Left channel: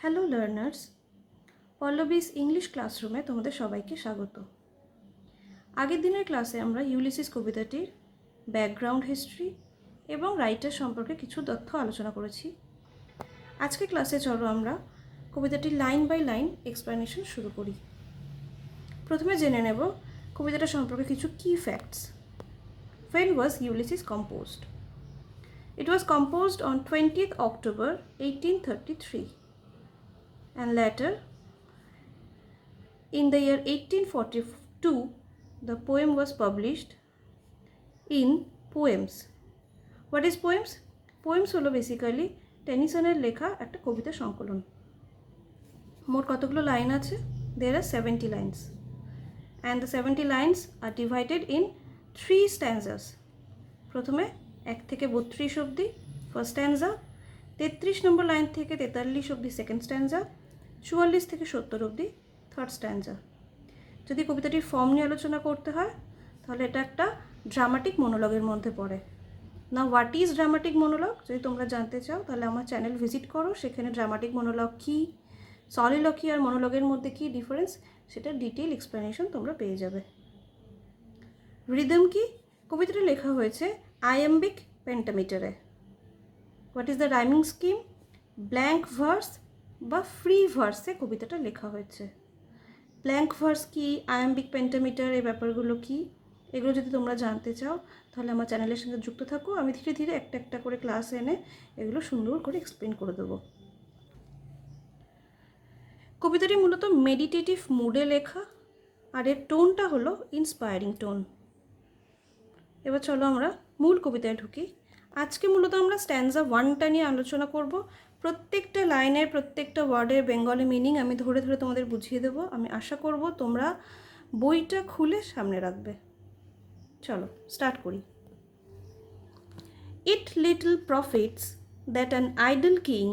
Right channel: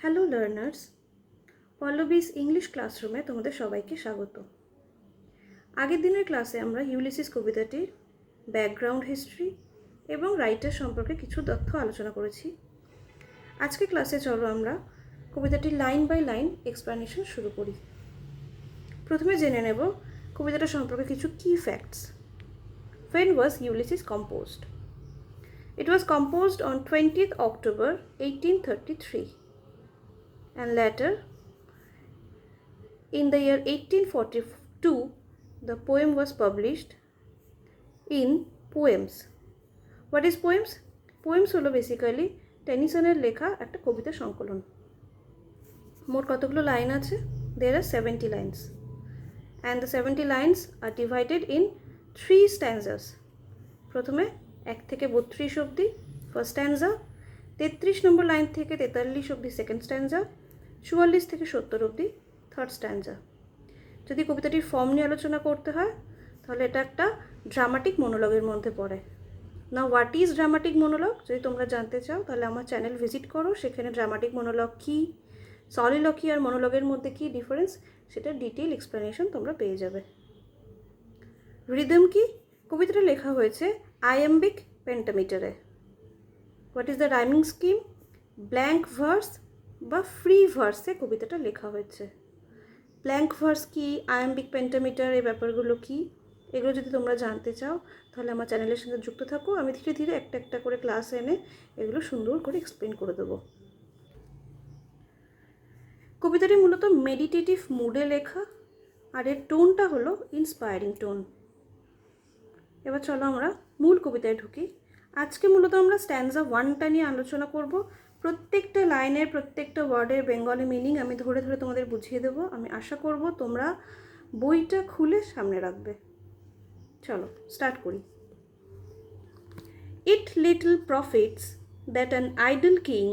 Hello learners, Pallavi's English ক্লাসরুমে তোমাদের সবাইকে স্বাগত। আগের দিনের ক্লাসে আমরা ইউলিসিস কবিতাটির ব্যাকগ্রাউন্ড হিস্ট্রি এবং রাইটার সম্পর্কে কিছু তথ্য আলোচনা করেছি। আজকে ক্লাসে চলো আমরা কবিতাটির লাইন বাই লাইন এক্সপ্লেনেশন শুরু করি। প্রথমে জেনে নেব কবিতাটা সম্পর্কে কিছু কি facts. When was Ulysses composed? It was composed on 20th October 1833. And later, in the year 1842, the poem was published in Poems. What is Poems? Poems হলো বেসিক্যালি টেনিসনের লেখা একটা কবিতা সংকলন। মোট কতগুলো লাইন আছে? There are 70 lines. And the 70 lines are divided in 3 stanzas. প্রথমে 1 থেকে 32 অবধি ফার্স্ট স্ট্যান্জা, 33 নম্বর লাইন থেকে 43 অবধি সেকেন্ড স্ট্যান্জা, 44 থেকে 70 অবধি থার্ড স্ট্যান্জা। যদি কবিতাটির ফর্ম নিয়ে আলোচনা করতে হয় তাহলে এটা একটা ড্রামাটিক মনোলগের মধ্যে পড়ে। না হোয়াট ইজ ড্রামাটিক মনোলগ যদি তোমরা জানতে চাও তাহলে আমার চ্যানেল ভিজিট করো, সেখানে ড্রামাটিক মনোলগ কী, সলিলকি আর মনোলগের মধ্যে কী ডিফারেন্স সেটা ডিটেইল এক্সপ্লেনেশন তোমরা পেয়ে যাবে। রিদম কি? কবিতাটা লেখা হয়েছে আয়াম্বিক পেন্টামিটারে। What is the rhyming scheme? Blank verse বা ফ্রি ভার্সে কবিতাটা লেখা হয়েছে। ব্ল্যাঙ্ক ভার্স কি, আয়াম্বিক পেন্টামিটার, এই ব্যাপারগুলো কি, এগুলো যদি তোমরা জানতে চাও তাহলে আমার চ্যানেলের সঙ্গে যুক্ত থাকো। আমি ধীরে ধীরে একটা একটা করে ক্লাস এনে এগুলো সুন্দর করে এক্সপ্লেন করে দেবো। কবিতাটি মূলত মেডিটেটিভ মুডে লেখা আর এর টোনটা হলো ইন্সপায়ারিং টোন। এবার চলো আমরা মূল কবিতায় ঢুকি। আজকে মূলত আমরা স্ট্যান্জা 1টা নিয়ে আলোচনা করব। প্রত্যেকটা লাইনের প্রত্যেকটা ওয়ার্ডের বেঙ্গলি মিনিং আমি ধরে ধরে তোমাদের বুঝিয়ে দেবো। আমি আশা করব তোমরা বইটা খুলে সামনে রাখবে। চলো স্টার্ট করি। It little profits that an idle king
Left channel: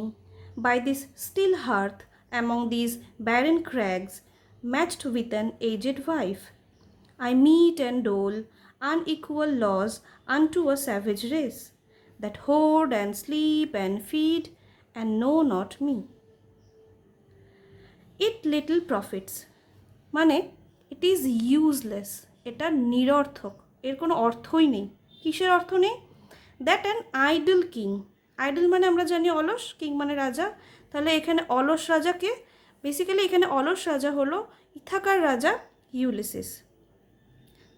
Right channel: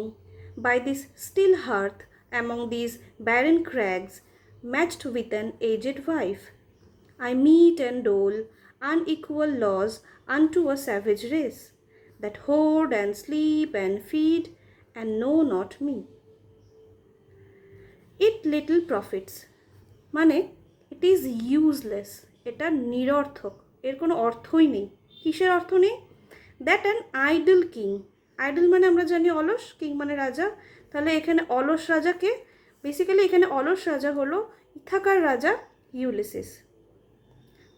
by this still hearth among these barren crags matched with an aged wife. I meet and dole unequal laws unto a savage race that hoard and sleep and feed and know not me. It little profits মানে it is useless, এটা নিরর্থক, এর কোনো অর্থই নেই। কিসের অর্থ নেই? That an idol king, idol মানে আমরা জানি অলস, কিং মানে রাজা, তাহলে এখানে অলস রাজাকে, বেসিক্যালি এখানে অলস রাজা হলো ইথাকার রাজা ইউলিসিস।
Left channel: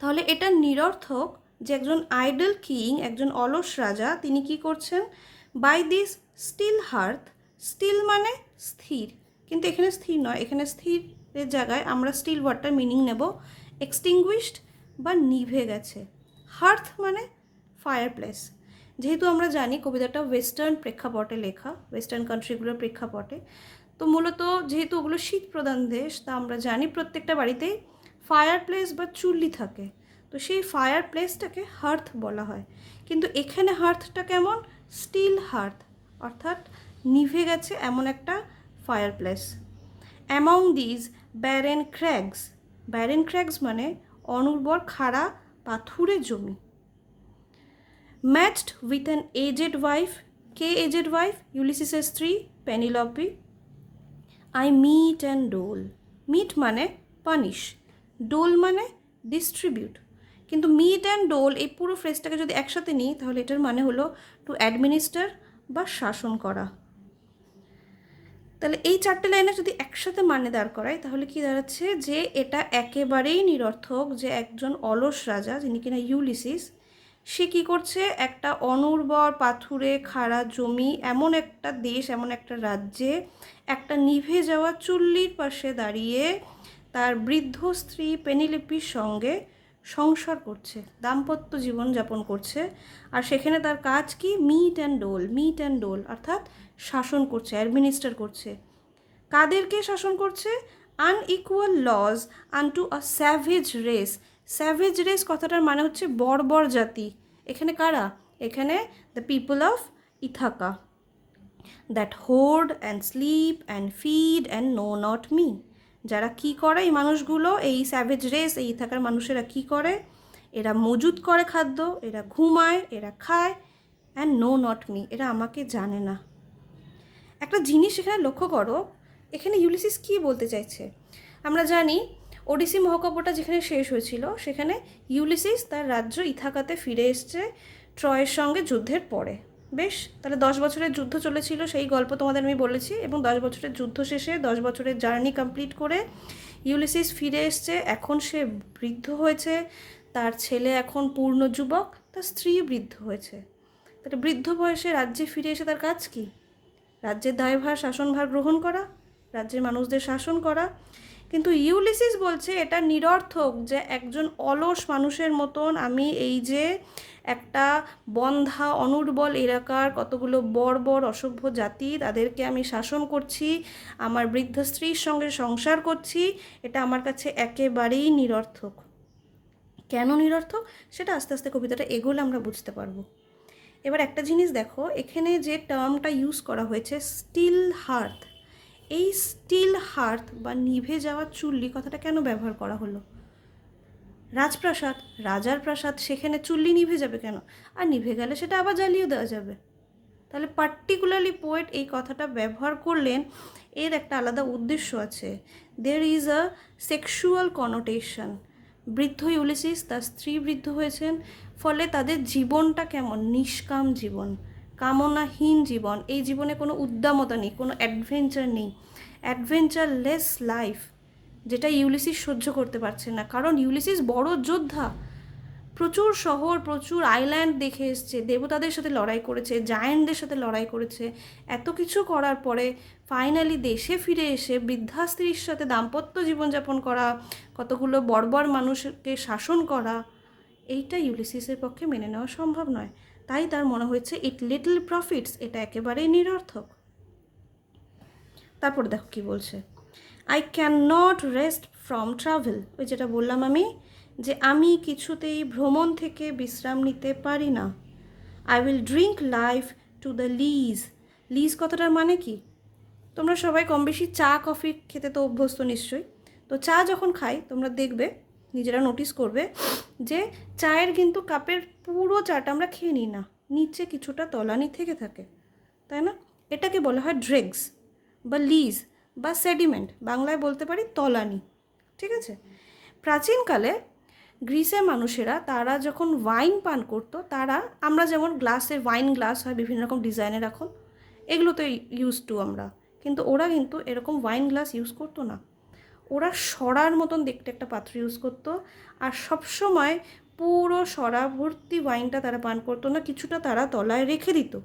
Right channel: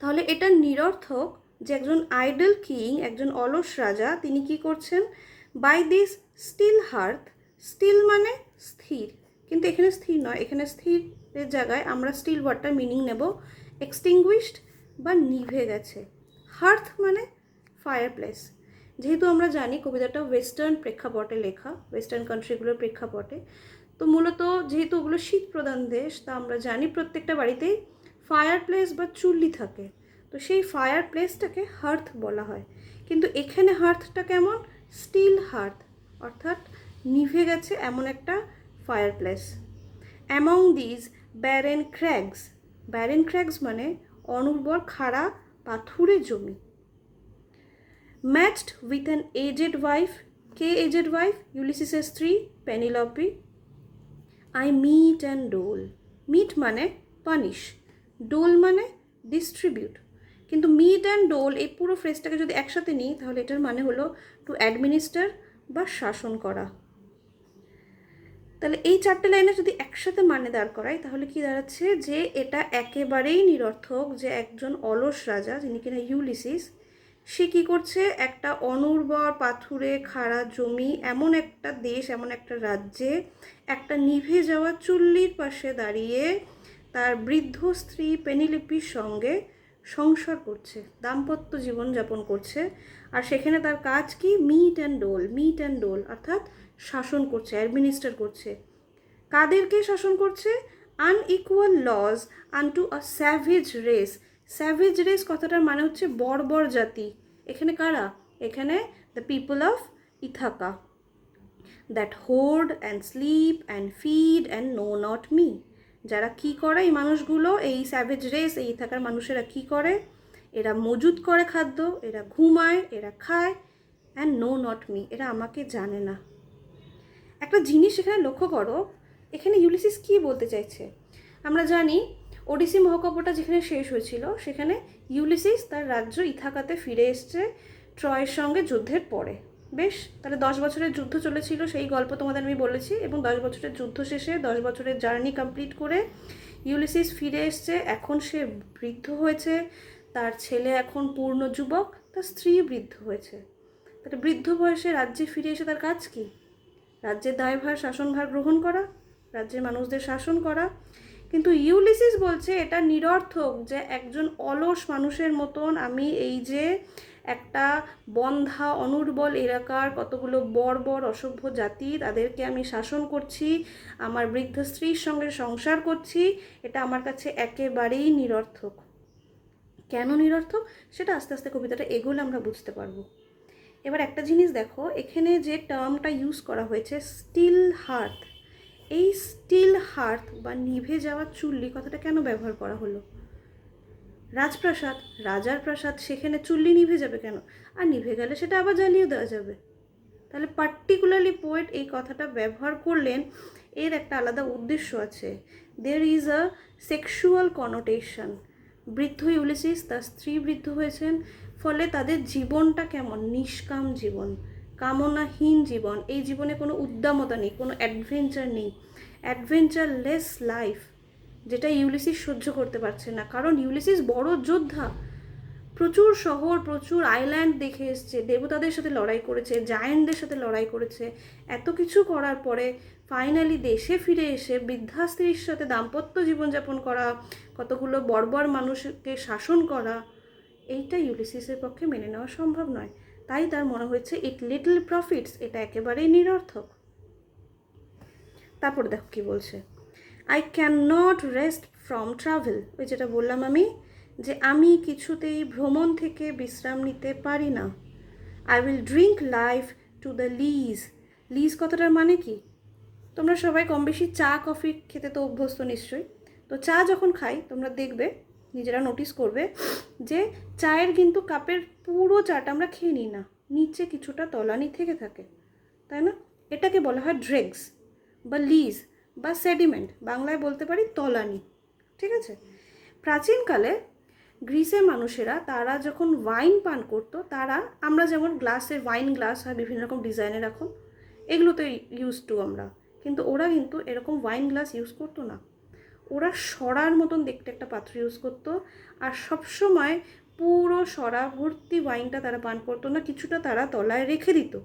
তাহলে এটা নিরর্থক যে একজন আইডল কিং, একজন অলস রাজা, তিনি কি করছেন? By this still hearth, still মানে স্থির, কিন্তু এখানে স্থির নয়, এখানে স্থিরের জায়গায় আমরা স্টিল ওয়ার্ডটার মিনিং নেব এক্সটিংগুইশড বা নিভে গেছে। হার্থ মানে ফায়ার প্লেস। যেহেতু আমরা জানি কবিতাটা ওয়েস্টার্ন প্রেক্ষাপটে লেখা, ওয়েস্টার্ন কান্ট্রিগুলোর প্রেক্ষাপটে, তো মূলত যেহেতু ওগুলো শীত প্রধান দেশ, তা আমরা জানি প্রত্যেকটা বাড়িতেই ফায়ার প্লেস বা চুল্লি থাকে, তো সেই ফায়ার প্লেসটাকে হার্থ বলা হয়। কিন্তু এখানে হার্থটা কেমন? স্টিল হার্থ, অর্থাৎ নিভে গেছে এমন একটা fireplace. Among these barren crags, barren crags মানে অনুর্বর খাড়া পাথুরে জমি। Matched with an aged wife, কে এজেড ওয়াইফ? ইউলিসিসের স্ত্রী Penelope. I mete and dole, mete মানে পানিশ, ডোল মানে ডিস্ট্রিবিউট, কিন্তু মিট অ্যান্ড ডোল এই পুরো ফ্রেজটাকে যদি একসাথে নিই তাহলে এটার মানে হলো টু অ্যাডমিনিস্টার বা শাসন করা। তাহলে এই 4টে লাইনে যদি একসাথে মানে দাঁড় করাই তাহলে কি দাঁড়াচ্ছে? যে এটা একেবারেই নিরর্থক যে একজন অলস রাজা, যিনি কিনা ইউলিসিস, সে কী করছে? একটা অনুর্বর পাথুরে খাড়া জমি, এমন একটা দেশ, এমন একটা রাজ্যে একটা নিভে যাওয়া চুল্লির পাশে দাঁড়িয়ে তার বৃদ্ধ স্ত্রী পেনিলিপির সঙ্গে সংসার করছে, দাম্পত্য জীবন যাপন করছে। আর সেখানে তার কাজ কি? Mete and dole, mete and dole অর্থাৎ শাসন করছে, অ্যাডমিনিস্টার করছে। কাদেরকে শাসন করছে? Unequal laws unto a savage race. Savage race কথাটার মানে হচ্ছে বর্বর জাতি। এখানে কারা? এখানে the people of Ithaca, that hoard and sleep and feed and know not me. যারা কি করে এই মানুষগুলো, এই স্যাভেজ রেস, এই ইথাকার মানুষেরা কি করে? এরা মজুত করে খাদ্য, এরা ঘুমায়, এরা খায়, অ্যান্ড নো নট মি, এরা আমাকে জানে না। একটা জিনিস এখানে লক্ষ্য করো, এখানে ইউলিসিস কী বলতে চাইছে। আমরা জানি ওডিসি মহাকাব্যটা যেখানে শেষ হয়েছিল সেখানে ইউলিসিস তার রাজ্য ইথাকাতে ফিরে এসছে ট্রয়ের সঙ্গে যুদ্ধের পরে। বেশ, তাহলে 10 বছরের যুদ্ধ চলেছিল, সেই গল্প তোমাদের আমি বলেছি। এবং 10 বছরের যুদ্ধ শেষে 10 বছরের জার্নি কমপ্লিট করে ইউলিসিস ফিরে এসছে। এখন সে বৃদ্ধ হয়েছে, তার ছেলে এখন পূর্ণ যুবক, তার স্ত্রী বৃদ্ধ হয়েছে। তাহলে বৃদ্ধ বয়সে রাজ্যে ফিরে এসে তার কাজ কি? রাজ্যের দায়ভার শাসনভার গ্রহণ করা, রাজ্যের মানুষদের শাসন করা। কিন্তু ইউলিসিস বলছে এটা নিরর্থক, যে একজন অলস মানুষের মতন আমি এই যে একটা বন্ধা অনুর্বল এলাকার কতগুলো বর্বর অসভ্য জাতি, তাদেরকে আমি শাসন করছি, আমার বৃদ্ধ স্ত্রীর সঙ্গে সংসার করছি, এটা আমার কাছে একেবারেই নিরর্থক। কেন নিরর্থক সেটা আস্তে আস্তে কবিতাটা এগোলে আমরা বুঝতে পারবো। এবার একটা জিনিস দেখো, এখানে যে টার্মটা ইউজ করা হয়েছে স্টিল হার্থ, এই স্টিল হার্থ বা নিভে যাওয়া চুল্লি কথাটা কেন ব্যবহার করা হলো? রাজপ্রাসাদ, রাজার প্রাসাদ, সেখানে চুল্লি নিভে যাবে কেন? আর নিভে গেলে সেটা আবার জ্বালিয়ে দেওয়া যাবে। তাহলে পার্টিকুলারলি পোয়েট এই কথাটা ব্যবহার করলেন, এর একটা আলাদা উদ্দেশ্য আছে। There is a sexual connotation. বৃদ্ধ ইউলিসিস, তার স্ত্রী বৃদ্ধ হয়েছেন, ফলে তাদের জীবনটা কেমন? নিষ্কাম জীবন, কামনাহীন জীবন। এই জীবনে কোনো উদ্দামতা নেই, কোনো অ্যাডভেঞ্চার নেই, অ্যাডভেঞ্চারলেস লাইফ, যেটা ইউলিসিস সহ্য করতে পারছে না। কারণ ইউলিসিস বড় যোদ্ধা, প্রচুর শহর, প্রচুর আইল্যান্ড দেখে এসছে, দেবতাদের সাথে লড়াই করেছে, জায়েন্টদের সাথে লড়াই করেছে। এত কিছু করার পরে ফাইনালি দেশে ফিরে এসে বৃদ্ধা স্ত্রীর সাথে দাম্পত্য জীবনযাপন করা, কতগুলো বর্বর মানুষকে শাসন করা, এইটা ইউলিসিসের পক্ষে মেনে নেওয়া সম্ভব নয়। তাই তার মনে হয়েছে ইট লিটল প্রফিটস, এটা একেবারেই নিরর্থক। তারপর দেখো কি বলছে, I can not rest from travel. ওই যেটা বললাম আমি, যে আমি কিছুতেই ভ্রমণ থেকে বিশ্রাম নিতে পারি না। I will drink life to the lees. Lees কথাটার মানে কি? তোমরা সবাই কম বেশি চা কফি খেতে তো অভ্যস্ত নিশ্চয়ই। তো চা যখন খাই তোমরা দেখবে, নিজেরা নোটিস করবে যে চায়ের কিন্তু কাপের পুরো চাটা আমরা খেয়ে নিই না, নিচে কিছুটা তলানি থেকে থাকে, তাই না? এটাকে বলা হয় ড্রেগস বা লিজ বা সেডিমেন্ট, বাংলায় বলতে পারি তলানি। ঠিক আছে? প্রাচীনকালে গ্রিসের মানুষেরা তারা যখন ওয়াইন পান করতো, তারা আমরা যেমন গ্লাসের ওয়াইন গ্লাস হয় বিভিন্ন রকম ডিজাইনের, এখন এগুলো তো ইউজ টু আমরা, কিন্তু ওরা কিন্তু এরকম ওয়াইন গ্লাস ইউজ করতো না। ওরা সরার মতন দেখতে একটা পাত্র ইউজ করতো, আর সবসময় পুরো সরা ভর্তি ওয়াইনটা তারা পান করতো না, কিছুটা তারা তলায় রেখে দিত।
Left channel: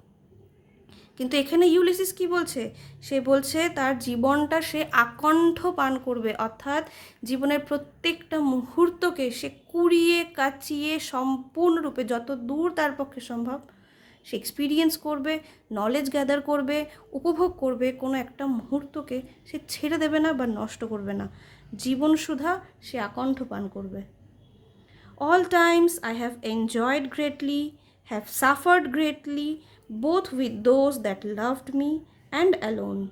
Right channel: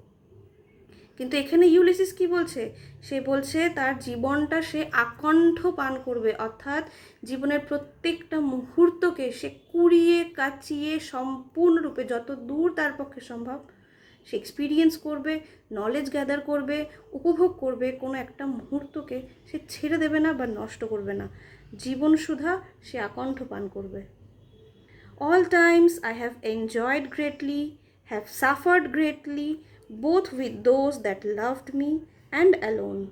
কিন্তু এখানে ইউলিসিস কি বলছে? সে বলছে তার জীবনটা সে আকণ্ঠ পান করবে, অর্থাৎ জীবনের প্রত্যেকটা মুহূর্তকে সে কুড়িয়ে কাচিয়ে সম্পূর্ণরূপে যত দূর তার পক্ষে সম্ভব সে এক্সপিরিয়েন্স করবে, নলেজ গ্যাদার করবে, উপভোগ করবে। কোনো একটা মুহূর্তকে সে ছেড়ে দেবে না বা নষ্ট করবে না, জীবন সুধা সে আকণ্ঠ পান করবে। All times I have enjoyed greatly, have suffered greatly, both with those that loved me and alone,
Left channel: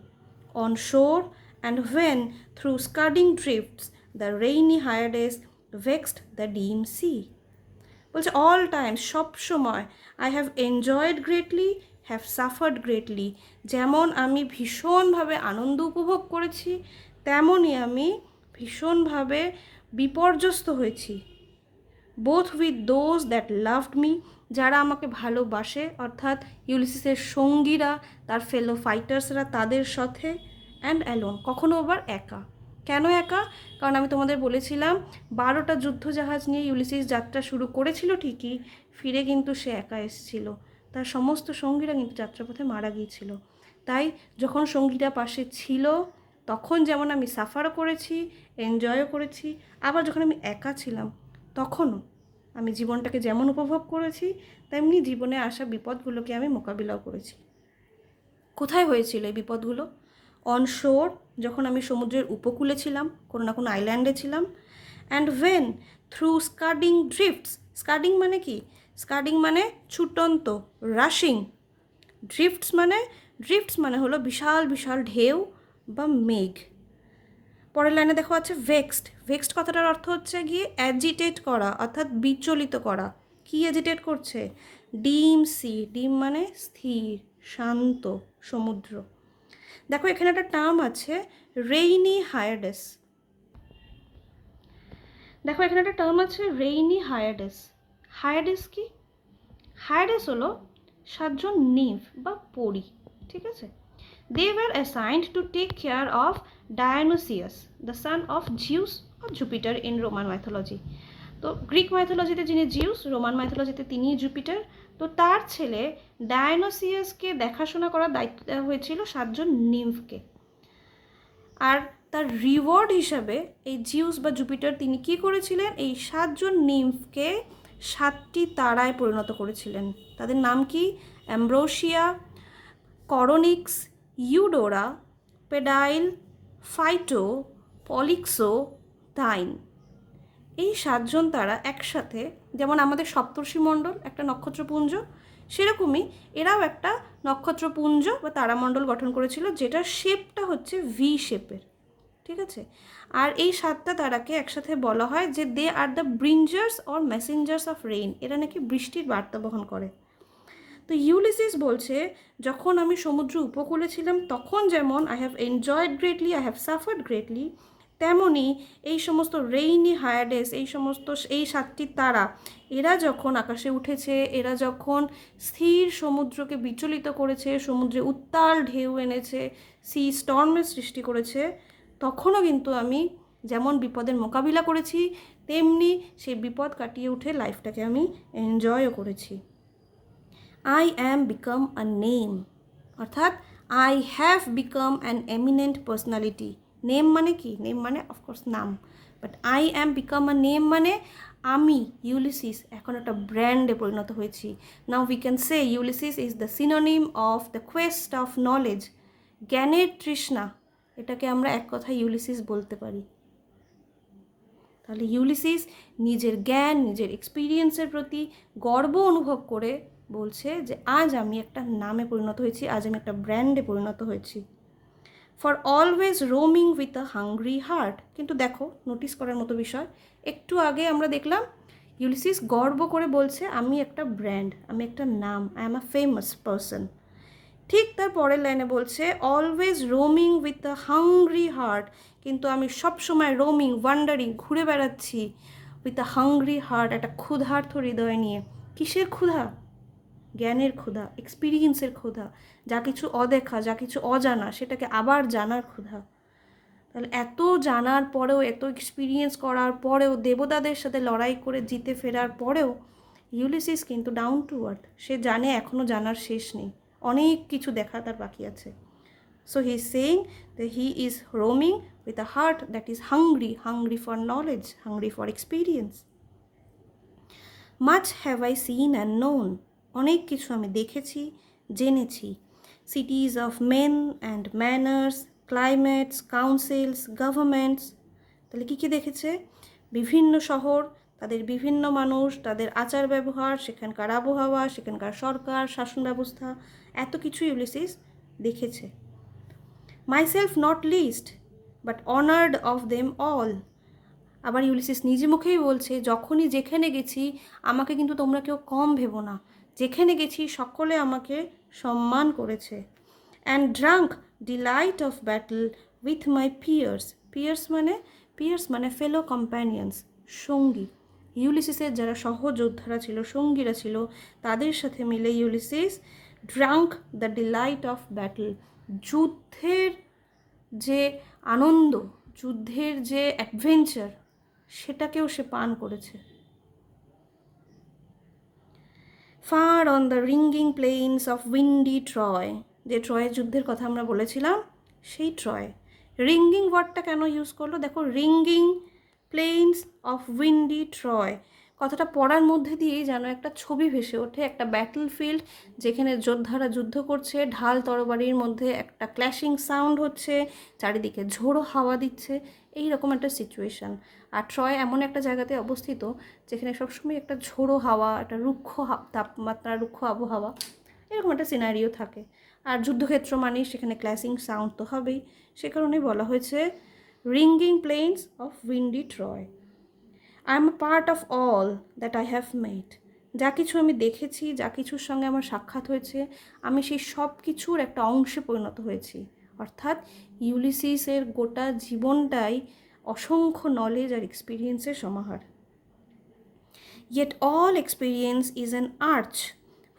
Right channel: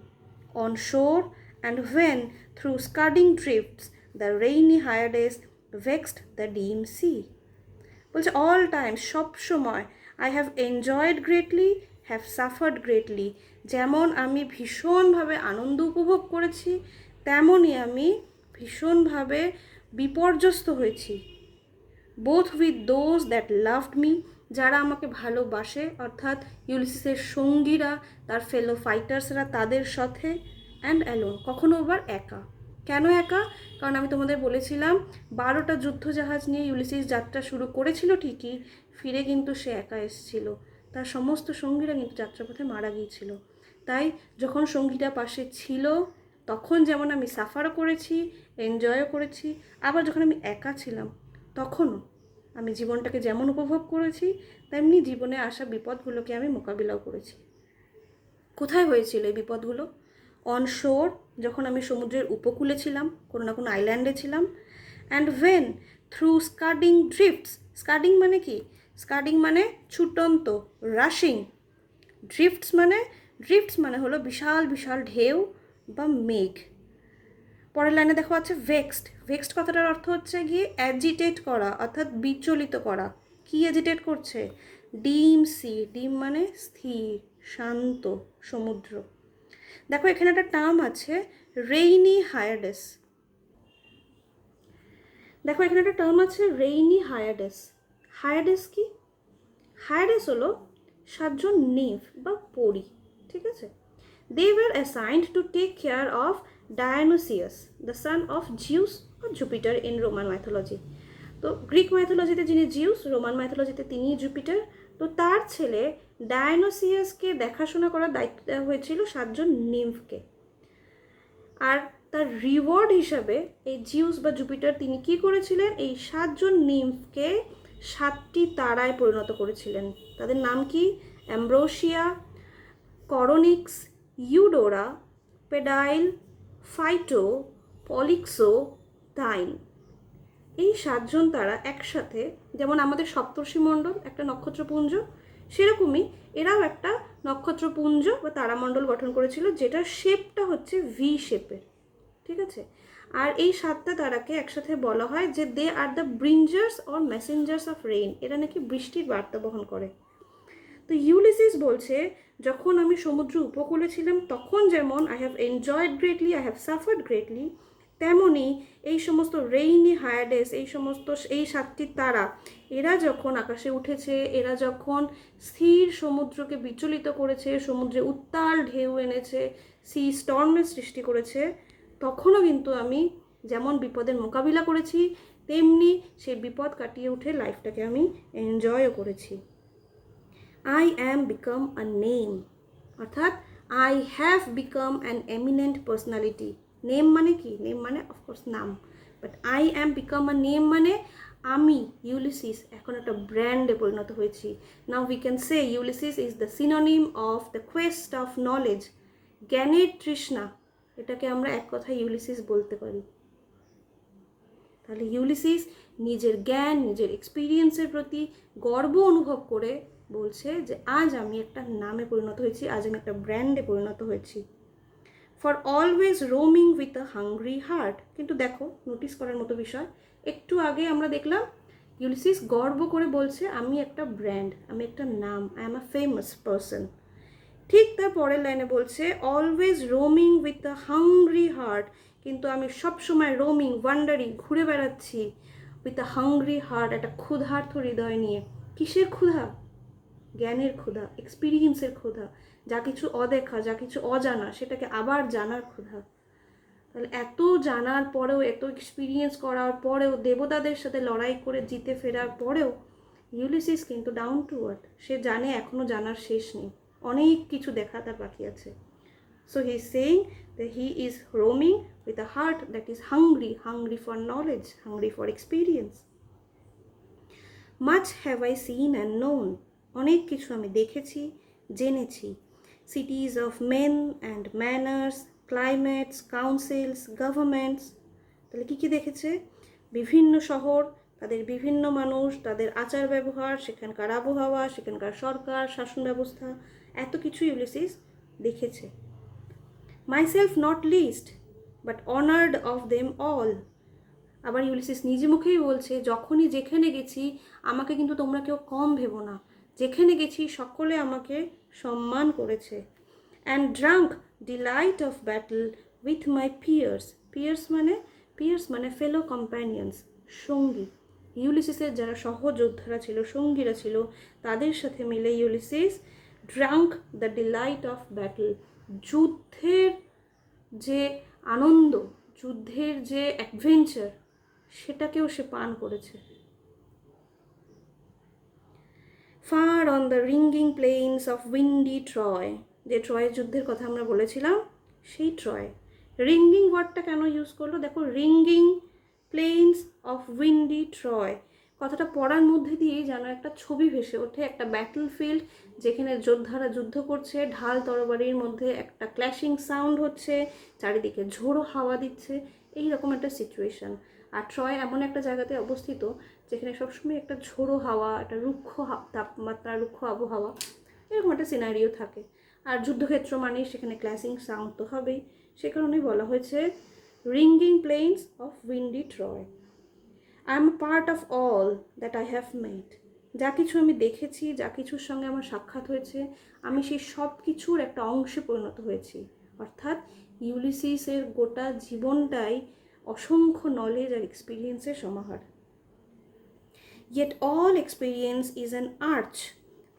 on shore and when through scudding drifts the rainy Hyades vexed the dim sea. বলছে all time, সব সময়, I have enjoyed greatly, have suffered greatly. যেমন আমি ভীষণভাবে আনন্দ উপভোগ করেছি, তেমনই আমি ভীষণভাবে বিপর্যস্ত হয়েছি। Both with those that loved me, যারা আমাকে ভালোবাসে, অর্থাৎ ইউলিসিসের সঙ্গীরা, তার ফেলো ফাইটার্সরা, তাদের সাথে, অ্যান্ড অ্যালোন, কখনো আবার একা। কেন একা? কারণ আমি তোমাদের বলেছিলাম 12টা যুদ্ধজাহাজ নিয়ে ইউলিসিস যাত্রা শুরু করেছিল ঠিকই, ফিরে কিন্তু সে একা এসেছিল, তার সমস্ত সঙ্গীরা কিন্তু যাত্রাপথে মারা গিয়েছিল। তাই যখন সঙ্গীরা পাশে ছিল তখন যেমন আমি সাফারও করেছি, এনজয়ও করেছি, আবার যখন আমি একা ছিলাম তখনও আমি জীবনটাকে যেমন উপভোগ করেছি তেমনি জীবনে আসা বিপদগুলোকে আমি মোকাবিলাও করেছি। কোথায় হয়েছিল এই বিপদগুলো? অন শোর, যখন আমি সমুদ্রের উপকূলে ছিলাম, কোনো না কোনো আইল্যান্ডে ছিলাম, and when through scudding ড্রিফটস। Scudding মানে কি? স্কাডিং মানে ছুটন্ত, রাশিং। ড্রিফটস মানে হলো বিশাল বিশাল ঢেউ বা মেঘ। পরের লাইনে দেখো আছে ভেক্সড। ভেক্সড কথাটার অর্থ হচ্ছে গিয়ে অ্যাজিটেট করা, অর্থাৎ বিচলিত করা। কি অ্যাজিটেট করছে? ডিম সি, ডিম মানে স্থির, শান্ত সমুদ্র। দেখো এখানে একটা টার্ম আছে রেইনি হায়ারডেস। দেখো এখানে একটা টার্ম আছে রেইনি হায়ারডেস। হায়ারডেস কি? হায়ারডেস হলো 7জন নিম্ফ বা পরী, ঠিক আছে? They were assigned to take care of Dionysius the son of Zeus or Jupiter in Roman mythology. তো গ্রিক মাইথোলজিতে যিনি জিউস, রোমান মাইথোলজিতে তিনিই জুপিটার। তো তার ছেলে ডায়োনিসিয়াসকে দেখাশোনা করার দায়িত্ব দেওয়া হয়েছিল 7জন নিম্ফকে। আর তার রিওয়ার্ড হিসাবে এই জিউস বা জুপিটার তিনি কি করেছিলেন? এই 7জন নিম্ফকে 7টি তারায় পরিণত করেছিলেন। তাদের নাম কি? Ambrosia, Coronis, Eudora, Pedile, Phyto, Polyxo, Thyone. এই 7জন তারা একসাথে, যেমন আমাদের সপ্তর্ষি মণ্ডল একটা নক্ষত্রপুঞ্জ, সেরকমই এরাও একটা নক্ষত্রপুঞ্জ বা তারামণ্ডল গঠন করেছিল, যেটার শেপটা হচ্ছে ভি শেপের, ঠিক আছে? আর এই 7টা তারাকে একসাথে বলা হয় যে they are the bringers or messengers of rain. এরা নাকি বৃষ্টির বার্তা বহন করে। তো ইউলিসিস বলছে, যখন আমি সমুদ্র উপকূলে ছিলাম তখন যেমন I have enjoyed greatly, I have suffered greatly, তেমনই এই সমস্ত রেইনি হায়ারডেস, এই 7টি তারা, এরা যখন আকাশে উঠেছে, এরা যখন স্থির সমুদ্রকে বিচলিত করেছে, সমুদ্রে উত্তাল ঢেউ এনেছে, সি স্টর্মের সৃষ্টি করেছে, তখনও কিন্তু আমি যেমন বিপদের মোকাবিলা করেছি, তেমনি সেই বিপদ কাটিয়ে উঠে লাইফটাকে আমি এনজয়ও করেছি। I am become a name, অর্থাৎ I have become an eminent personality. Name মানে কি? নেম মানে অফকোর্স নাম, but I am become a name মানে আমি ইউলিসিস এখন একটা ব্র্যান্ডে পরিণত হয়েছি। Now we can say Ulysses is the synonym of the Quest of knowledge, জ্ঞানের তৃষ্ণা। এটাকে আমরা এক কথায় ইউলিসিস বলতে পারি। তাহলে ইউলিসিস নিজের জ্ঞান, নিজের এক্সপিরিয়েন্সের প্রতি গর্ব অনুভব করে বলছে যে আজ আমি একটা নামে পরিণত হয়েছি, আজ আমি একটা ব্র্যান্ডে পরিণত হয়েছি। For always roaming with a hungry heart. কিন্তু দেখো, নোটিস করার মতো বিষয়, একটু আগে আমরা দেখলাম ইউলিসিস গর্ব করে বলছে আমি একটা ব্র্যান্ড, আমি একটা নাম, I am a famous person. ঠিক তার পরের লাইনে বলছে always roaming with a hungry heart, কিন্তু আমি সবসময় রোমিং, ওয়ান্ডারিং, ঘুরে বেড়াচ্ছি উইথ আ হাংরি হার্ট, একটা ক্ষুধার্ত হৃদয় নিয়ে। কিসের ক্ষুধা? জ্ঞানের ক্ষুধা, এক্সপিরিয়েন্সের ক্ষুধা, যা কিছু অদেখা, যা কিছু অজানা, সেটাকে আবার জানার ক্ষুধা। তাহলে এত জানার পরেও, এত এক্সপিরিয়েন্স করার পরেও, দেবতাদের সাথে লড়াই করে জিতে ফেরার পরেও ইউলিসিস কিন্তু ডাউন টু আর্থ। সে জানে এখনও জানার শেষ নেই, অনেক কিছু দেখা তার বাকি আছে। So he is saying that he is roaming with a heart that is hungry, hungry for knowledge, hungry for experience. Much have I seen and known, অনেক কিছু আমি দেখেছি, জেনেছি। Cities of men and manners, climates, councils, governments. তাহলে কী কী দেখেছে? বিভিন্ন শহর, তাদের বিভিন্ন মানুষ, তাদের আচার ব্যবহার, সেখানকার আবহাওয়া, সেখানকার সরকার, শাসন ব্যবস্থা, এত কিছু ইউলিসিস দেখেছে। Myself not list but honoured of them all. আবার ইউলিসিস নিজে মুখেই বলছে, যখনই যেখানে গেছি আমাকে কিন্তু তোমরা কেউ কম ভেবো না, যেখানে গেছি সকলে আমাকে সম্মান করেছে। And drunk delight of battle with my peers. Peers মানে ফেলো কম্প্যানিয়ন্স, সঙ্গী। ইউলিসিসের যারা সহযোদ্ধারা ছিল, সঙ্গীরা ছিল, তাদের সাথে মিলে Ulysses drunk the delight of battle, যুদ্ধের যে আনন্দ, যুদ্ধের যে অ্যাডভেঞ্চার, সেটাকেও সে পান করেছে। Far on the ringing plains of windy Troy, যে ট্রয়ের যুদ্ধের কথা আমরা বলেছিলাম, সেই ট্রয়। রিঙ্গিং ওয়ার্ডটা কেন ইউজ করলো? দেখো, ringing plains of windy Troy কথাটা পড়ার মধ্যে দিয়েই যেন একটা ছবি ভেসে ওঠে, একটা ব্যাটল ফিল্ড যেখানে যোদ্ধারা যুদ্ধ করছে, ঢাল তরবারির মধ্যে একটা ক্ল্যাশিং সাউন্ড হচ্ছে, চারিদিকে ঝোড়ো হাওয়া দিচ্ছে, এইরকম একটা সিচুয়েশান। আর ট্রয় এমন একটা জায়গাতে অবস্থিত যেখানে সবসময় একটা ঝোড়ো হাওয়া, একটা রুক্ষ তাপমাত্রা, রুক্ষ আবহাওয়া, এরকম একটা সিনারিও থাকে। আর যুদ্ধক্ষেত্র মানেই সেখানে ক্ল্যাশিং সাউন্ড তো হবেই, সে কারণেই বলা হয়েছে ringing plains of windy Troy. I am part of all that I have made, যা কিছু আমি দেখেছি, যা কিছুর সঙ্গে আমার সাক্ষাৎ হয়েছে, আমি সেই সব কিছুর একটা অংশে পরিণত হয়েছি। অর্থাৎ ইউলিসিসের গোটা জীবনটাই অসংখ্য নলেজ আর এক্সপিরিয়েন্সের সমাহার। Yet all experience is an arch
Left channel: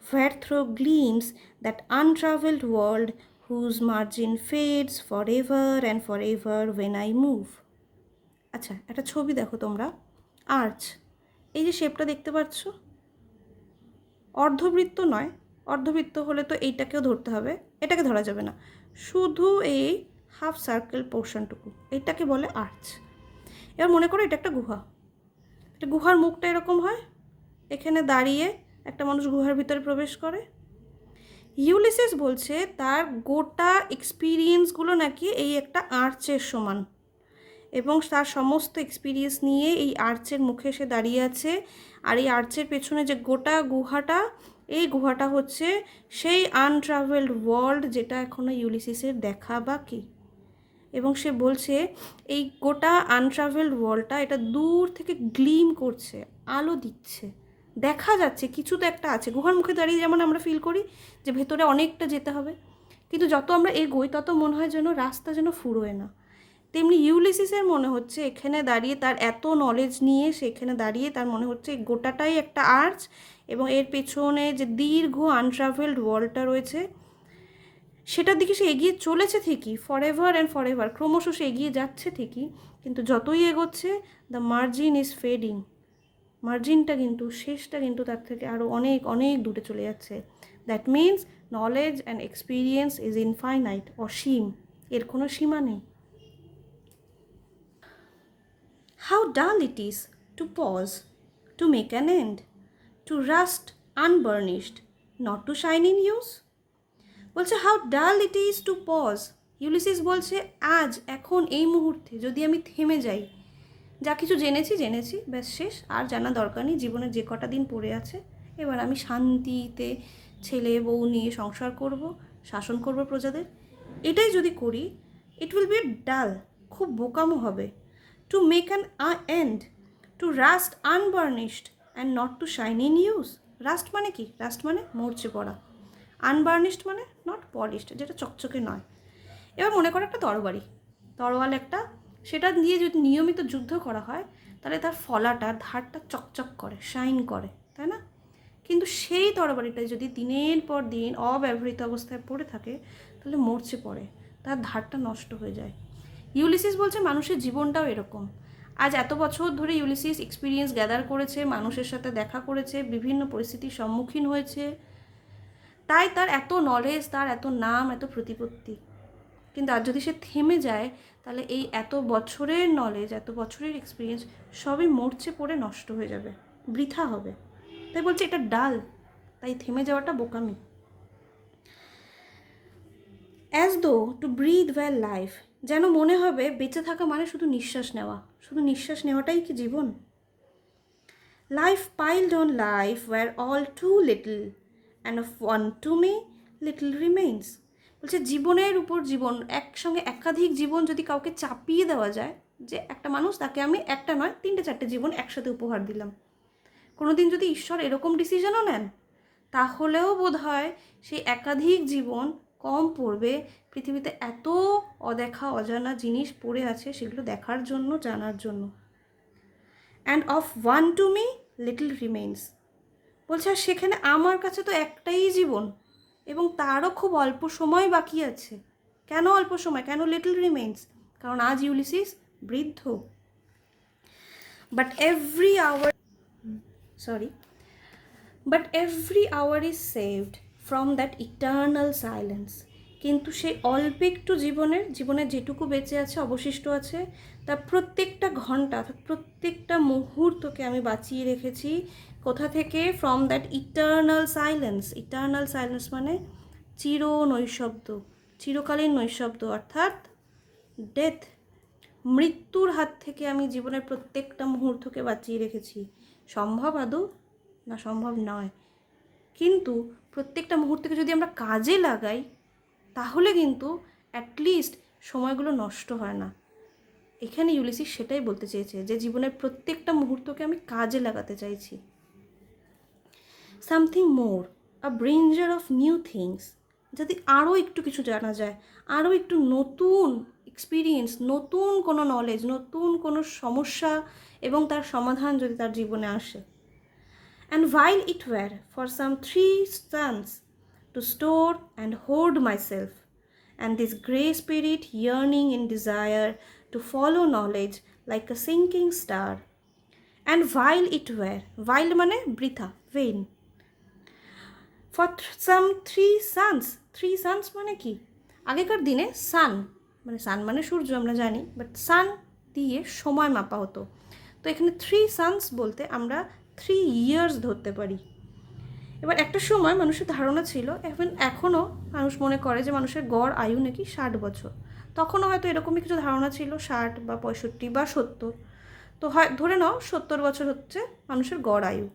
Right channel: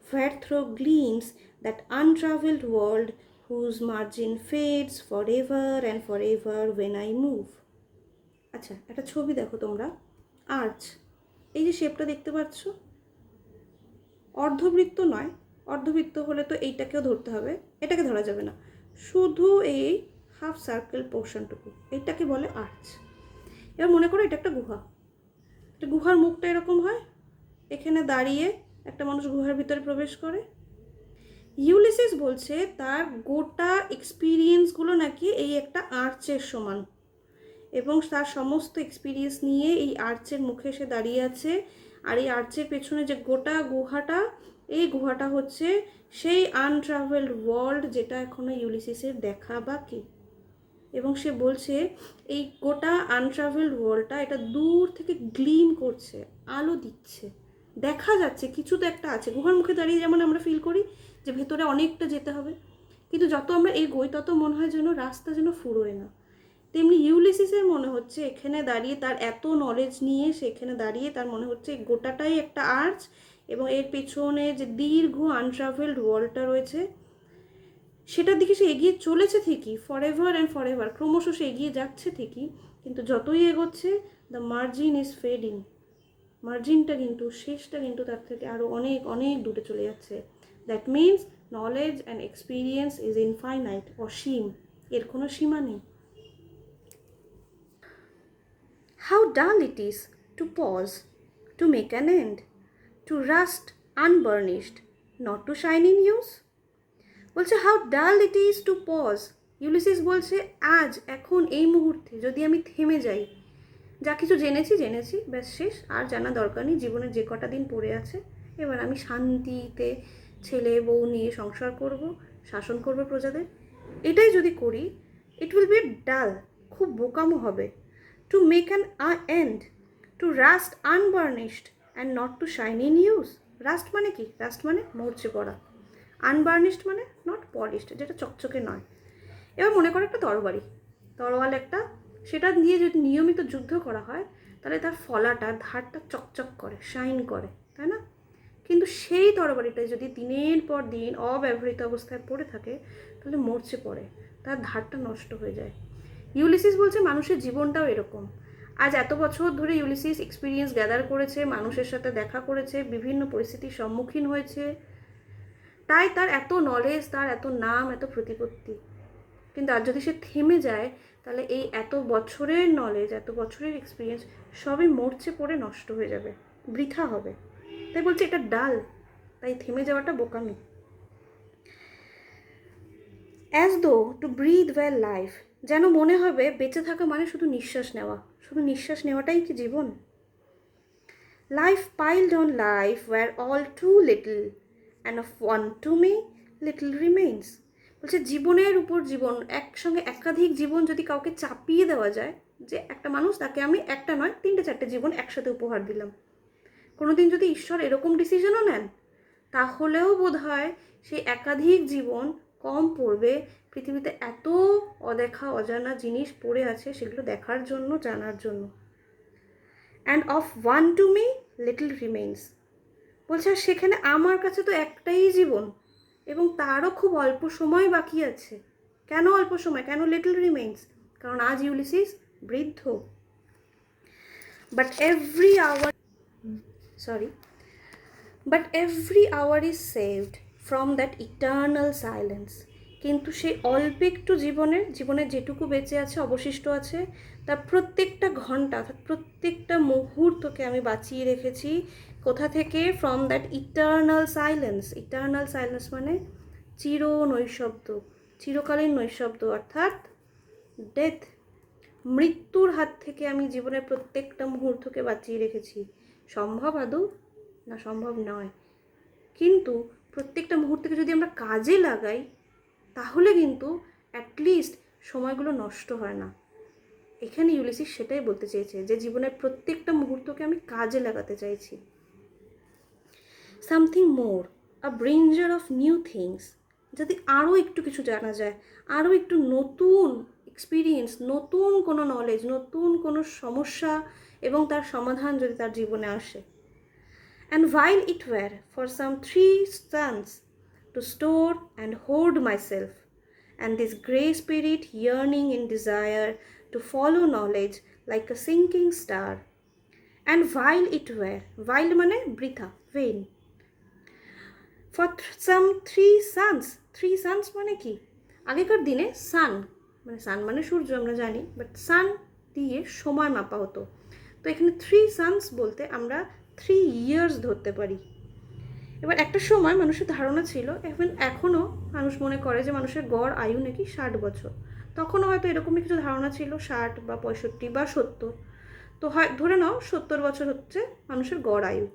where through gleams that untraveled world whose margin fades forever and forever when I move. আচ্ছা, একটা ছবি দেখো তোমরা, আর্চ, এই যে শেপটা দেখতে পাচ্ছ, অর্ধবৃত্ত নয়, অর্ধবৃত্ত হলে তো এইটাকেও ধরতে হবে, এটাকে ধরা যাবে না, শুধু এই হাফ সার্কেল পোর্শনটুকু, এইটাকে বলে আর্চ। এবার মনে করো এটা একটা গুহা, একটা গুহার মুখটা এরকম হয়, এখানে দাঁড়িয়ে একটা মানুষ গুহার ভিতরে প্রবেশ করে। ইউলিসিস বলছে তার গোটা এক্সপিরিয়েন্সগুলো নাকি এই একটা আর্চের সমান, এবং তার সমস্ত এক্সপিরিয়েন্স নিয়ে এই আর্চের মুখে সে দাঁড়িয়ে আছে। আর এই আর্চের পেছনে যে গোটা গুহাটা, এই গুহাটা হচ্ছে সেই আনট্রাভেলড ওয়ার্ল্ড যেটা এখনও ইউলিসিসের দেখা বাকি। এবং সে বলছে এই গোটা আনট্রাভেলড ওয়ার্ল্ডটা এটা দূর থেকে গ্লিম করছে, আলো দিচ্ছে, দেখা যাচ্ছে কিছু তো একটা আছে। গুহার মুখে দাঁড়িয়ে যেমন আমরা ফিল করি যে ভেতরে অনেকটা যেতে হবে, কিন্তু যত আমরা এগোই তত মনে হয় যেন রাস্তা যেন ফুরোয় না। তেমনি ইউলিসিসের মনে হচ্ছে এখানে দাঁড়িয়ে, তার এত নলেজ নিয়ে সেখানে দাঁড়িয়ে তার মনে হচ্ছে গোটাটাই একটা আর্চ, এবং এর পেছনে যে দীর্ঘ আনট্রাভেলড ওয়ার্ল্ডটা রয়েছে সেটার দিকে সে এগিয়ে চলেছে ঠিকই, ফরএভার অ্যান্ড ফরএভার, ক্রমশ সে এগিয়ে যাচ্ছে ঠিকই, কিন্তু যতই এগোচ্ছে দ্য মার্জিন ইজ ফেডিং, মার্জিনটা কিন্তু, শেষটা কিন্তু তার থেকে আরও অনেক অনেক দূরে চলে যাচ্ছে। That means knowledge and experience is infinite, অসীম, এর কোনো সীমা নেই। How dull it is to pause, to make an end, to rust unburnished, not to shine in use. বলছে how dull it is to pause. Ulysses বলছে আজ, এখন, এই মুহূর্তে যদি আমি থেমে যাই, যা কিছু জেনেছি ব্যাস শেষ, আর জানা দরকার নেই, জীবনের যে কটা দিন পড়ে আছে এবার আমি শান্তিতে ছেলে বউ নিয়ে সংসার করব, শাসন করব প্রজাদের, এটাই যদি করি, ইট উইল বি ডাল, খুব বোকামো হবে। To make an end, to rust unburnished and not to shine in use. Rust মানে কি? রাস্ট মানে মরচে পড়া, আনবার্নিশড মানে নট পলিশড, যেটা চকচকে নয়। এবার মনে করো একটা তরোয়াল একটা, সেটা দিয়ে যদি নিয়মিত যুদ্ধ করা হয় তাহলে তার ফলাটা, ধারটা চকচক করে, শাইন করে, তাই না? কিন্তু সেই তরবারিটা যদি দিনের পর দিন অব্যবহৃত অবস্থায় পড়ে থাকে তাহলে মরচে পড়ে, তার ধারটা নষ্ট হয়ে যায়। ইউলিসিস বলছে মানুষের জীবনটাও এরকম। আজ এত বছর ধরে ইউলিসিস এক্সপিরিয়েন্স গ্যাদার করেছে, মানুষের সাথে দেখা করেছে, বিভিন্ন পরিস্থিতির সম্মুখীন হয়েছে, তাই তার এত নলেজ, তার এত নাম, এত প্রতিপত্তি। কিন্তু আর যদি সে থেমে যায় তাহলে এই এত বছরের নলেজ, এত বছরের এক্সপিরিয়েন্স সবই মরচে পড়ে নষ্ট হয়ে যাবে, বৃথা হবে। তাই বলছে এটা ডাল, তাই থেমে যাওয়াটা বোকামি। As though two breathe well life, যেন মনে হবে বেঁচে থাকা মানে শুধু নিঃশ্বাস নেওয়া, শুধু নিঃশ্বাস নেওয়াটাই কি জীবন? Life piled on life were all too little and of one to me little remains. বলছে জীবনের উপর জীবন, একসঙ্গে একাধিক জীবন যদি কাউকে চাপিয়ে দেওয়া যায়, যে একটা মানুষ, তাকে আমি একটা নয় 3-4টে জীবন একসাথে উপহার দিলাম, কোনোদিন যদি ঈশ্বর এরকম ডিসিশনও নেন তাহলেও বোধ হয় সেই একাধিক জীবন কম পড়বে। পৃথিবীতে এত অদেখা অজানা জিনিস পড়ে আছে সেগুলো দেখার জন্য, জানার জন্য। And of one to me little remains, বলছে আর সেখানে আমার কাছে তো একটাই জীবন, এবং তারও খুব অল্প সময় বাকি আছে। কেন অল্প সময়, কেন লিটল রিমেইনস? কারণ আজ ইউলিসিস বৃদ্ধ। But every hour is saved from that eternal silence. কিন্তু সেই অল্প একটু জীবনের যেটুকু বেঁচে আছে, অবশিষ্ট আছে, তার প্রত্যেকটা ঘন্টা, প্রত্যেকটা মুহূর্তকে আমি বাঁচিয়ে রেখেছি। কোথা থেকে? From that eternal silence. Eternal silence মানে নৈশব্দ, চিরকালীন নৈশব্দ, অর্থাৎ ডেথ, মৃত্যুর হাত থেকে আমি জীবনের প্রত্যেকটা মুহূর্তকে বাঁচিয়ে রেখেছি। সম্ভব আদৌ? না, সম্ভব নয়। কিন্তু প্রত্যেকটা মুহূর্তকে যদি আমরা কাজে লাগাই তাহলে কিন্তু অ্যাটলিস্ট সময়গুলো নষ্ট হয় না। এখানে ইউলিসিস সেটাই বলতে চেয়েছে, যে জীবনের প্রত্যেকটা মুহূর্তকে আমি কাজে লাগাতে চাইছি। Something more, a bringer of new things, যাতে আরও একটু কিছু জানা যায়, আরও একটু নতুন এক্সপিরিয়েন্স, নতুন কোনো নলেজ, নতুন কোনো সমস্যা এবং তার সমাধান যদি তার জীবনে আসে। And while it were for some 3 suns to store and hoard myself, and this grey spirit yearning in desire to follow knowledge like a sinking star, and while it were, while মানে বৃথা, vain, for some 3 suns মানে কি, আগেকার দিনে সান মানে সূর্য আমরা জানি, but সান দিয়ে সময় মাপা হতো। তো এখানে 3 suns বলতে আমরা 3 years ধরতে পারি। এবার একটা সময় মানুষের ধারণা ছিল, এখনও মানুষ মনে করে যে মানুষের গড় আয়ু নাকি 60 বছর। তখনও হয়তো এরকমই কিছু ধারণা ছিল, 60 বা 65 বা 70। তো হয় ধরে নাও 70 বছর হচ্ছে মানুষের গড় আয়ু।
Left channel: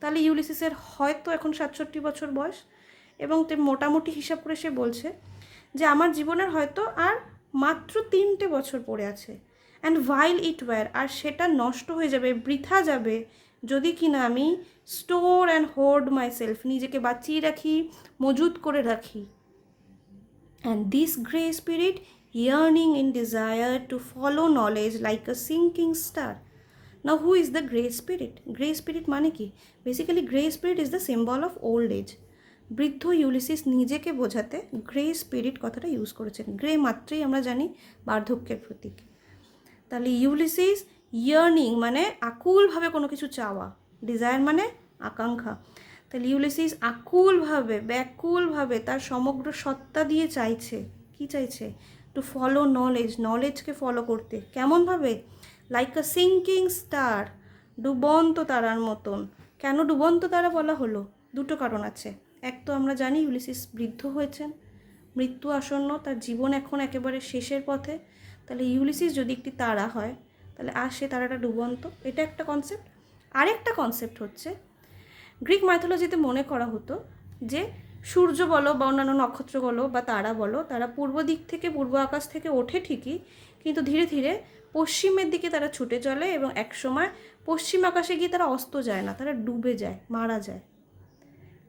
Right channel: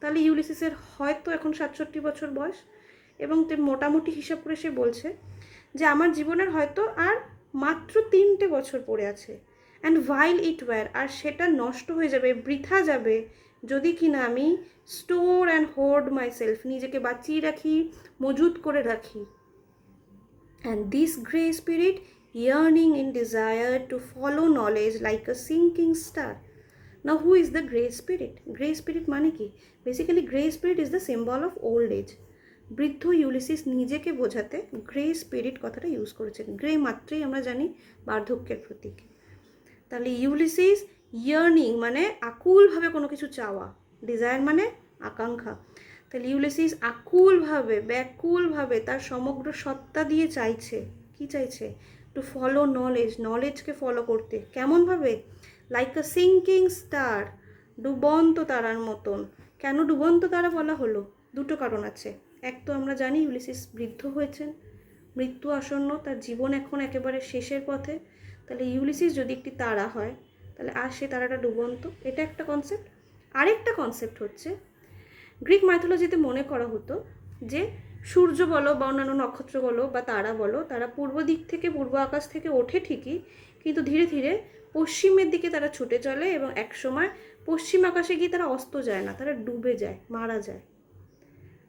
তাহলে ইউলিসিসের হয়তো এখন 67 বছর বয়স, এবং মোটামুটি হিসাব করে সে বলছে যে আমার জীবনের হয়তো আর মাত্র 3টে বছর পড়ে আছে। অ্যান্ড while it were, আর সেটা নষ্ট হয়ে যাবে, বৃথা যাবে, যদি কিনা আমি store and hoard myself, নিজেকে বাঁচিয়ে রাখি, মজুত করে রাখি। And this grey spirit yearning in desire to follow knowledge like a sinking star. Now who is the grey spirit? Grey spirit মানে কি? Basically grey spirit is the symbol of old age. বৃদ্ধ Ulysses নিজেকে বোঝাতে grey spirit কথাটা use করেছেন। Grey মাত্রই আমরা জানি বার্ধক্যের প্রতীক। তাহলে ইউলিসিস ইয়ার্নিং মানে আকুলভাবে কোনো কিছু চাওয়া, ডিজায়ার মানে আকাঙ্ক্ষা। তাহলে ইউলিসিস আকুলভাবে, ব্যাকুলভাবে তার সমগ্র সত্তা দিয়ে চাইছে, কি চাইছে? টু ফলো নলেজ, নলেজকে ফলো করতে। কেমনভাবে? লাইক আ সিঙ্কিং স্টার, ডুবন্ত তারার মতন। কেন ডুবন্ত তারা বলা হলো? দুটো কারণ আছে। এক তো আমরা জানি ইউলিসিস বৃদ্ধ হয়েছেন, মৃত্যু আসন্ন, তার জীবন এখন একেবারে শেষের পথে। তাহলে ইউলিসিস যদি একটি তারা হয়, তাহলে আর সে তারাটা ডুবন্ত, এটা একটা কনসেপ্ট। আরেকটা কনসেপ্ট হচ্ছে, গ্রিক মাইথোলজিতে মনে করা হতো যে সূর্য বলো বা অন্যান্য নক্ষত্র বলো বা তারা বলো, তারা পূর্ব দিক থেকে, পূর্ব আকাশ থেকে ওঠে ঠিকই, কিন্তু ধীরে ধীরে পশ্চিমের দিকে তারা ছুটে চলে, এবং একসময় পশ্চিম আকাশে গিয়ে তারা অস্ত যায় না, তারা ডুবে যায়, মারা যায়।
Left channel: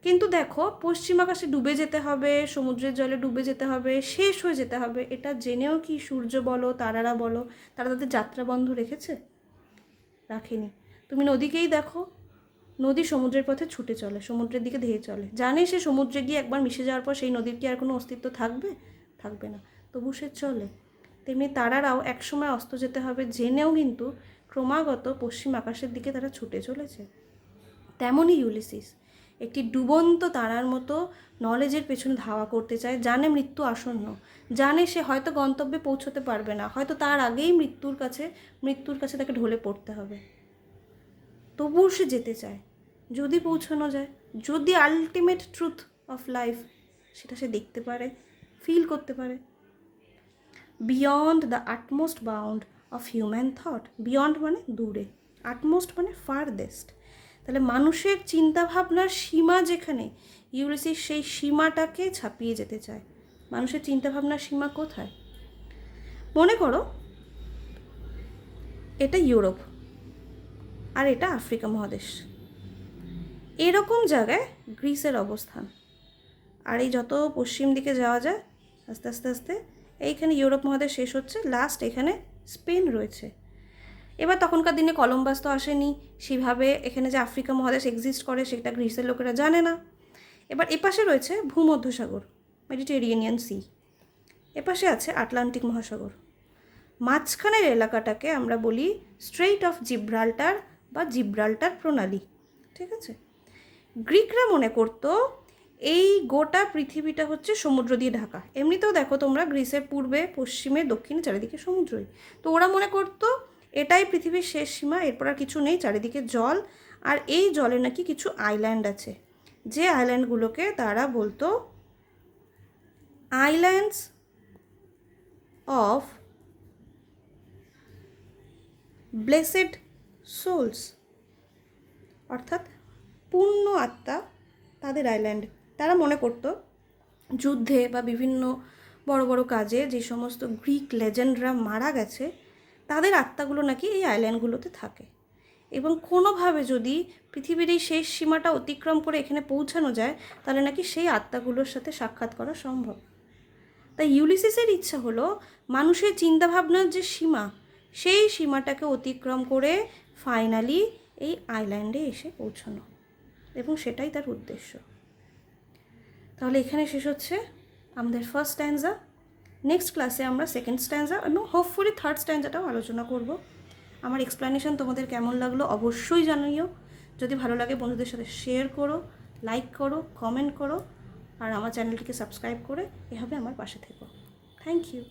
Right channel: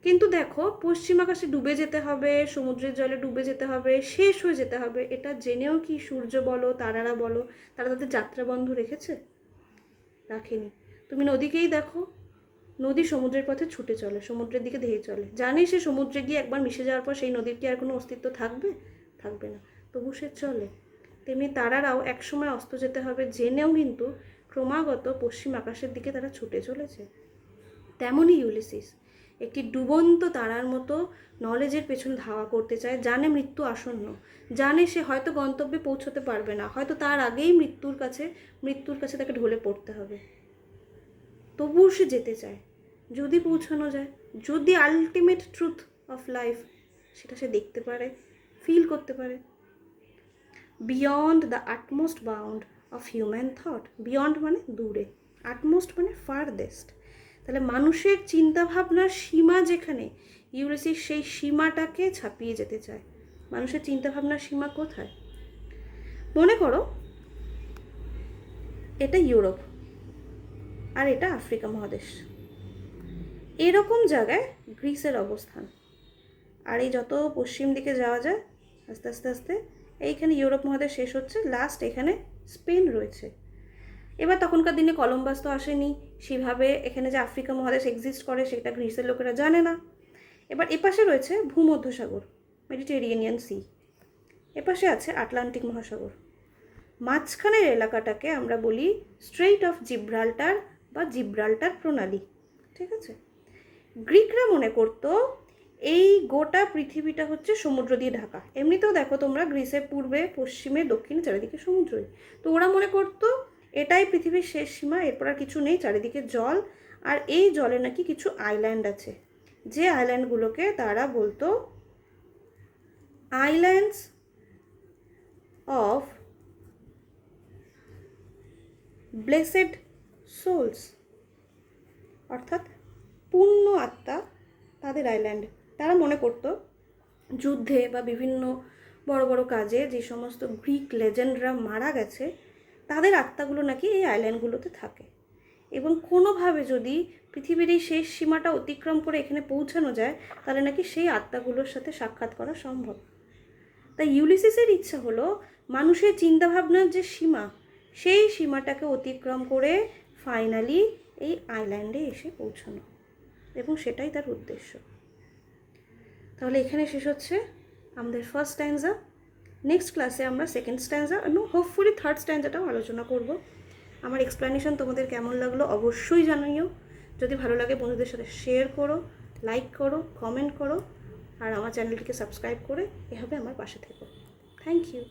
কিন্তু দেখো, পশ্চিম আকাশে ডুবে যেতে হবে, সমুদ্রের জলে ডুবে যেতে হবে, শেষ হয়ে যেতে হবে, এটা জেনেও কি সূর্য বলো, তারারা বলো, তারা তাদের যাত্রা বন্ধ রেখেছে? রাখেনি। তুমি নদীকেই দেখো, নদী সমুদ্রের পথে ছুটে চলে, সমুদ্রের দিকে ধেয়ে চলে, জানে সে সমুদ্রে গিয়ে একবার মিশে যাওয়ার পর সেই নদীর কি আর কোনো অস্তিত্ব থাকবে? থাকবে না, তবু সে চলে। তেমনি তারারাও একসময় অস্ত যেতে হবে জেনেও কিন্তু ক্রমাগত পশ্চিম আকাশের দিকে তারা ছুটে চলেছে। তেমনই ইউলিসিস একটি ডুবন্ত তারার মতো নলেজের পেছনে ধাওয়া করতে চায়, জানে মৃত্যু আসন্ন, জানে সে হয়তো গন্তব্যে পৌঁছতে পারবে না, হয়তো তার আগেই মৃত্যুর কাছে তাকে ঢলে পড়তে হবে, তবুও সে যেতে চায়। যদি পৌঁছানো যায়, যদি আলটিমেট ট্রুথ অফ লাইফ সেটা সে দেখতে পারে, ফিল করতে পারে। Beyond the utmost bound of human thought, beyond মানে দূরে, আটমোস্ট মানে ফারদেস্ট। তাহলে মানুষের চিন্তাভাবনার সীমা যেখানে, ইউলিসিস সেই সীমাটাকে ছাপিয়ে যেতে চায়। মানুষের চিন্তাভাবনার সীমা কোথায়? মনে করো এটা ইউরোপ আর এটা আফ্রিকা মহাদেশ, এরকম জায়গায় গ্রিসের অবস্থান। আর এই যত পশ্চিম দিকে যাওয়া যায় আস্তে আস্তে আস্তে, এইখানে ইউরোপ মহাদেশ শেষ হচ্ছে, লাস্ট এখানে স্পেন রয়েছে। এবার তখনকার দিনে কলম্বাস তো আসেনি, সেভাবে এখানে যে আফ্রিকা মহাদেশ এক্সিস্ট করে সেটা গ্রিসের লোকেরা জানে না। এবার এপাশে রয়েছে ভূমধ্যসাগর, মেডিটেরিয়ানিয়ান সি, এপাশে আছে আটলান্টিক মহাসাগর। মাঝখানের এলাকাটাকে আমরা বলি স্ট্রেইট অফ জিব্রাল্টার বা জিব্রাল্টার প্রণালী, ঠিক আছে? গ্রিকরা মনে করতো এই গোটা পৃথিবীটা হচ্ছে সমুদ্র দিয়ে ঢাকা। এমনিতেও দেখো তোমরা, গ্রিসের পূর্বে, পশ্চিমে, দক্ষিণে চারিদিকে সমুদ্রই। তো ওরা মনে করতো এটাই পৃথিবীর শেষ সীমা, এরপর আর কিছু নেই, চারিদিকে জল। আর এই জলে নাকি কিছু আইল্যান্ড আছে, যে আইল্যান্ডগুলোকে তারা বলতো আইল্যান্ডস অফ ব্লেসেড সোলস, অর্থাৎ পূর্ণ আত্মা তাদের আইল্যান্ড। তারা মনে করতো যুদ্ধে বা বিভিন্ন বড় বড় কাজে যে সমস্ত গ্রিক লেজেন্ডরা মারা গেছে, তাদের আত্মাগুলো নাকি এই আইল্যান্ডগুলোতে থাকে। এবং কোনোভাবে যদি পৃথিবীর এই শেষ সীমাটা অতিক্রম করে এখানে পৌঁছানো যায়, তাহলে নাকি সেই আত্মাগুলোর সাথে সাক্ষাৎ করা সম্ভব। তাই ইউলিসিসের ইচ্ছা হলো মানুষের চিন্তাভাবনার যে সীমা, সেই সীমাটাকে অতিক্রম করে ফাইনালি এই আইল্যান্ডে এসে পৌঁছানো, এবং সেটাই তার উদ্দেশ্য। তাহলে এখানে শেষ হচ্ছে আমাদের ফার্স্ট স্ট্যান্জা। নেক্সট ক্লাসে আমরা সেকেন্ড স্ট্যান্জা এবং হোপফুলি থার্ড স্ট্যান্জাটাও আলোচনা করব। আমার এক্সপ্লেনেশন তোমাদের কেমন লাগলো অবশ্যই জানিও। যদি ভালো লাগে বন্ধুদের সাথে শেয়ার করো, লাইক করো, কমেন্ট করো, আর আমার চ্যানেলটিকে সাবস্ক্রাইব করে এভাবে আমার পাশে থেকো। Thank you.